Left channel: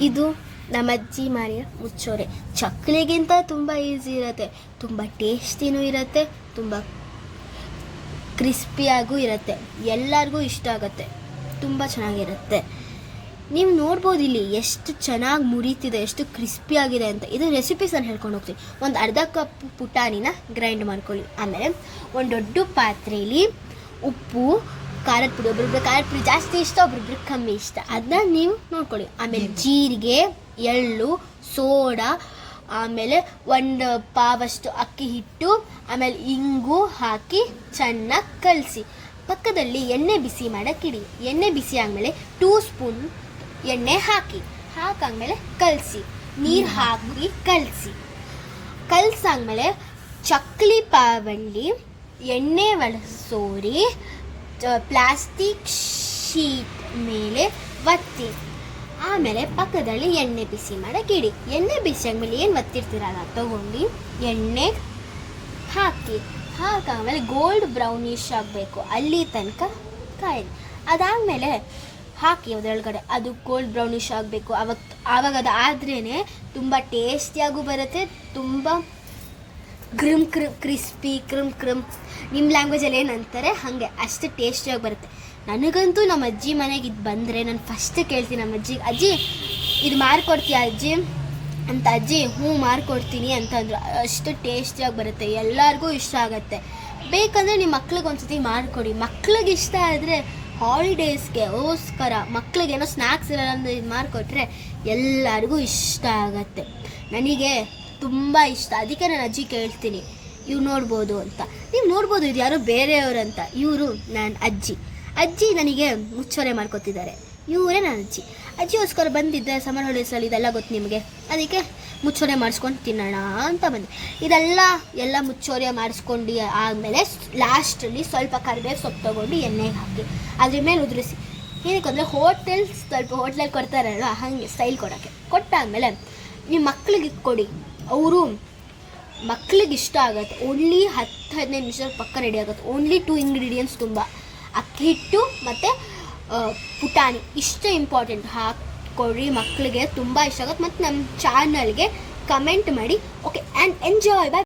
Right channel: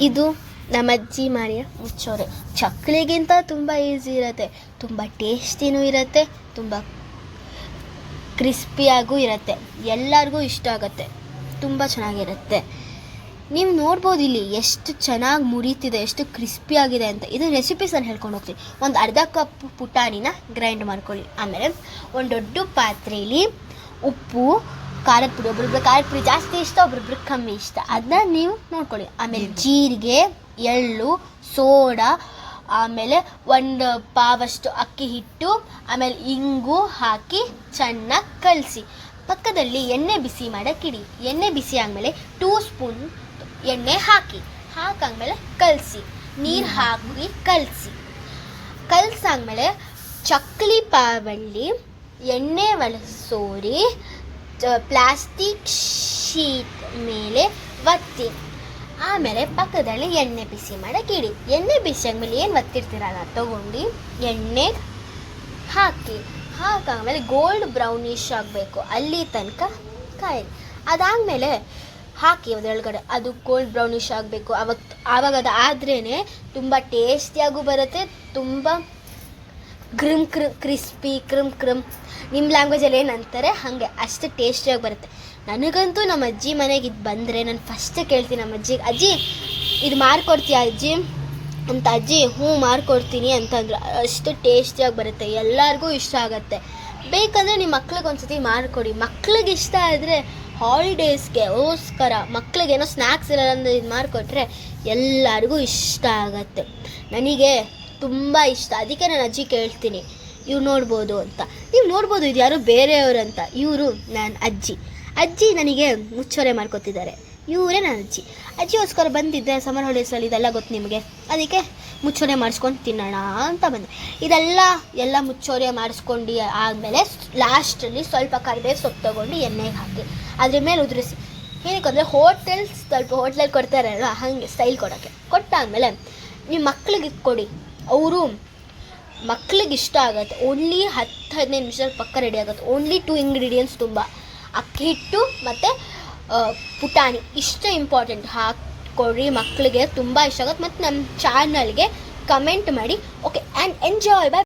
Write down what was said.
ಇದು ನಮ್ಮ ಅಜ್ಜಿ ಮಾರಿಯ ಮುಚ್ಚೋರೆ. ಚಕ್ಕಲಿಗಿಂತ ತುಂಬ ಈಸಿ ಇರುತ್ತೆ. ತುಂಬ ಟೇಸ್ಟಿನೂ ಇರುತ್ತೆ. ತುಂಬ ಕ್ರಿಸ್ಪಿಯಾಗೂ ಇರುತ್ತೆ. ಎಲ್ಲರಿಗೂ ಇಷ್ಟ ಆಗುತ್ತೆ. ತುಂಬ ಚೆನ್ನಾಗಿರುತ್ತೆ. ನೀವು ನೋಡ್ಬೋದು ಇಲ್ಲಿ ಎಷ್ಟು ಚೆನ್ನಾಗಿ ಮುರಿತಿದೆ, ಎಷ್ಟು ಕ್ರಿಸ್ಪಿ ಆಗಿದೆ ಅಂತ. ಇದು ರೆಸಿಪೀಸ್ ನಾನು ಹೇಳ್ಕೊಂಡು ಹೋಗ್ತೀನಿ. ಒಂದು ಅರ್ಧ ಕಪ್ ಪುಟಾಣಿನ ಗ್ರೈಂಡ್ ಮಾಡ್ಕೊಳ್ಳಿ. ಆಮೇಲೆ ಒಂದು ದೊಡ್ಡ ಪಾತ್ರೆಯಲ್ಲಿ ಉಪ್ಪು ಖಾರದ ಪುಡಿ ಒಬ್ಬೊಬ್ರು ಖಾರದ ಪುಡಿ ಜಾಸ್ತಿ ಇಷ್ಟ ಒಬ್ಬೊಬ್ರು ಕಮ್ಮಿ ಇಷ್ಟ. ಅದನ್ನ ನೀವು ನೋಡ್ಕೊಳ್ಳಿ. ಆಮೇಲೆ ಜೀರಿಗೆ ಎಳ್ಳು ಸೋಡಾ ಆಮೇಲೆ ಒಂದು ಪಾವಷ್ಟು ಅಕ್ಕಿ ಹಿಟ್ಟು ಆಮೇಲೆ ಇಂಗು ಹಾಕಿ ಚೆನ್ನಾಗಿ ಕಲಸಿ. ಪಕ್ಕದಲ್ಲಿ ಎಣ್ಣೆ ಬಿಸಿ ಮಾಡೋಕ್ಕಿಡಿ. ಎಣ್ಣೆ ಬಿಸಿ ಆದಮೇಲೆ ಟೂ ಸ್ಪೂನ್ ಎಣ್ಣೆ ಹಾಕಿ. ಹಾಕಾದ್ಮೇಲೆ ಕಲಸಿ. ನೀರು ಹಾಕಿ ಕಲಸಿ. ಕಲಸಾದ್ಮೇಲೆ ಚಕ್ಲಿ ಪಾವಲ್ಲಿ ಎಣ್ಣೆ ಒಳಸೋರಿ ಪ್ಲಾಸ್ಟಿಕ್ ಶೀಟ್ ಮೇಲೆ ಒತ್ತಿ. ಆಮೇಲೆ ಪಕ್ಕದಲ್ಲಿ ಎಣ್ಣೆ ಬಿಸಿ ಮಾಡಕ್ಕೆ ಇಡಿ ಎಣ್ಣೆ ಬಿಸಿ ಆದಮೇಲೆ ಏನು ಒತ್ತಿರ್ತೀರಲ್ಲ ತಗೊಂಡು ಎಣ್ಣೆ ಹಾಕಿ. ಹಾಕಾದ್ಮೇಲೆ ಗೋಲ್ಡ್ ಬ್ರೌನಿಶ್ ಆಗಬೇಕು. ಅಲ್ಲಿ ತನಕ ಕಾಯಿ ಅದಾದಮೇಲೆ ಹಾಕಿ ಅದರೊಳಗಡೆ ಅದು ಗೋಲ್ಡ್ ಬ್ರೌನಿಶ್ ಆಗಬೇಕು. ಅವತ್ತು ಆವಾಗ ಅದು ಆದ್ರೇ ತುಂಬ ಟೇಸ್ಟಿಯಾಗೂ ಬರುತ್ತೆ, ತುಂಬ ಕ್ರಿಮ್ ಕ್ರಿ ಕ್ರಿಸ್ಪಿ, ಕ್ರಿಮ್ ಕ್ರಿಮ್. ನಿಮ್ಮ ಲ್ಯಾಂಗ್ವೇಜಲ್ಲಿ ಏನಂತಾರೆ, ಹಾಗೆ ಅಷ್ಟು ಟೇಸ್ಟಿಯಾಗಿ ಬರುತ್ತೆ. ನನಗಂತೂ ನಮ್ಮ ಅಜ್ಜಿ ಮನೆಗೆ ಇದು ಬಂದರೆ ನಾನು ಫಸ್ಟ್ ಕೇಳ್ತೀನಿ ನಮ್ಮ ಅಜ್ಜಿಗೆ ಅಜ್ಜಿ, ಇದು ಮಾರ್ಕೊಡ್ತೀಯ ಅಜ್ಜಿ? ಅಂತ ಅಜ್ಜಿ, ಹ್ಞೂ, ಮಾರ್ಕೊಡ್ತೀನಿ ಅಂತಂದ್ರು. ಅಷ್ಟು ಟೇಸ್ಟಿಯಾಗಿ ಬರುತ್ತೆ, ಎಲ್ಲರಿಗೂ ಇಷ್ಟ ಆಗುತ್ತೆ. ಬೇಕಂದರೆ ನಿಮ್ಮ ಮಕ್ಳಿಗೆ ಒಂದ್ಸತಿ ಮಾಡಿಕೊಡಿ ಮಕ್ಳಿಗೆ ಇಷ್ಟ ಆದರೆ ಹಾಲಿಡೇಸ್ಗೆ ಓಸ್ಕರ ಮಕ್ಳಿಗೇನೋ ಸ್ನ್ಯಾಕ್ಸ್ ಇರಲ್ಲ ಅಂದ್ರೆ ಇದು ಮಾಡಿಕೊಟ್ರೆ ಎಲ್ಲರಿಗೂ ಇಷ್ಟ ಆಗತ್ತೆ. ನನಗೆ ತುಂಬ ಇಷ್ಟ. ಅದಕ್ಕೆ ನಾನು ಅಜ್ಜಿ ಕೇಳ್ತೀನಿ. ಇವ್ರು ನೋಡ್ಬೋದು ಅಂತ. ನೀವು ನೋಡ್ಬೋದು ಇದು ಯಾರೋ ಬೇರೆಯವರು ಅಂತ. ಇವರು ನನ್ನ ಅಜ್ಜಿ. ಅಜ್ಜಿ ನನಗೆ ಮುಚ್ಚೋರೆ ಮಾಡ್ಕೊತಿದ್ದಾರೆ. ಇವರೇ ನನ್ನ ಅಜ್ಜಿ. ಅಜ್ಜಿಗೋಸ್ಕರ ಬಂದಿದ್ದೆ ಸಮರ್ ಹಾಲಿಡೇಸಲ್ಲಿ ಇದೆಲ್ಲ ಗೊತ್ತು ನಿಮಗೆ. ಅದಕ್ಕೆ ಮುಚ್ಚೋರೆ ಮಾಡಿಸ್ಕೊಂಡು ತಿನ್ನೋಣ ಅಂತ ಬಂದೆ. ಇದೆಲ್ಲ, ಎಲ್ಲ ಮುಚ್ಚೋರೆ ಮಾಡಿಸ್ಕೊಂಡು ಆದಮೇಲೆ ಲಾಸ್ಟಲ್ಲಿ ಸ್ವಲ್ಪ ಕರಡೆ ಸೊಪ್ಪು ತೊಗೊಂಡು ಎಣ್ಣೆಗೆ ಹಾಕಿ. ಅದ್ರ ಮೇಲೆ ಉದುರಿಸಿ. ಏನಕ್ಕೆ ಅಂದರೆ ಹೋಟೆಲ್ ಸ್ವಲ್ಪ ಹೋಟ್ಲಲ್ಲಿ ಕೊಡ್ತಾರಲ್ಲ ಹಾಗೆ ಸ್ಟೈಲ್ ಕೊಡೋಕ್ಕೆ. ಕೊಟ್ಟಾದಮೇಲೆ ನಿಮ್ಮ ಮಕ್ಕಳಿಗೆ ಕೊಡಿ. ಅವರು ಮಕ್ಳಿಗೆ ಇಷ್ಟ ಆಗುತ್ತೆ. ಓನ್ಲಿ ಹತ್ತು, ಹದಿನೈದು ನಿಮಿಷ ಪಕ್ಕ ರೆಡಿ ಆಗುತ್ತೆ. ಓನ್ಲಿ ಟು ಇಂಗ್ರೀಡಿಯೆಂಟ್ಸ್ ತುಂಬ. ಅಕ್ಕಿ ಹಿಟ್ಟು ಮತ್ತು ಪುಟಾಣಿ. ಇಷ್ಟು ಇಂಪಾರ್ಟೆಂಟ್ ಹಾಕ್ಕೊಡ್ರಿ ಮಕ್ಕಳಿಗೆ ತುಂಬ ಇಷ್ಟ ಆಗುತ್ತೆ. ಮತ್ತು ನಮ್ಮ ಚಾನಲ್ಗೆ ಕಮೆಂಟ್ ಮಾಡಿ. Okay and enjoy by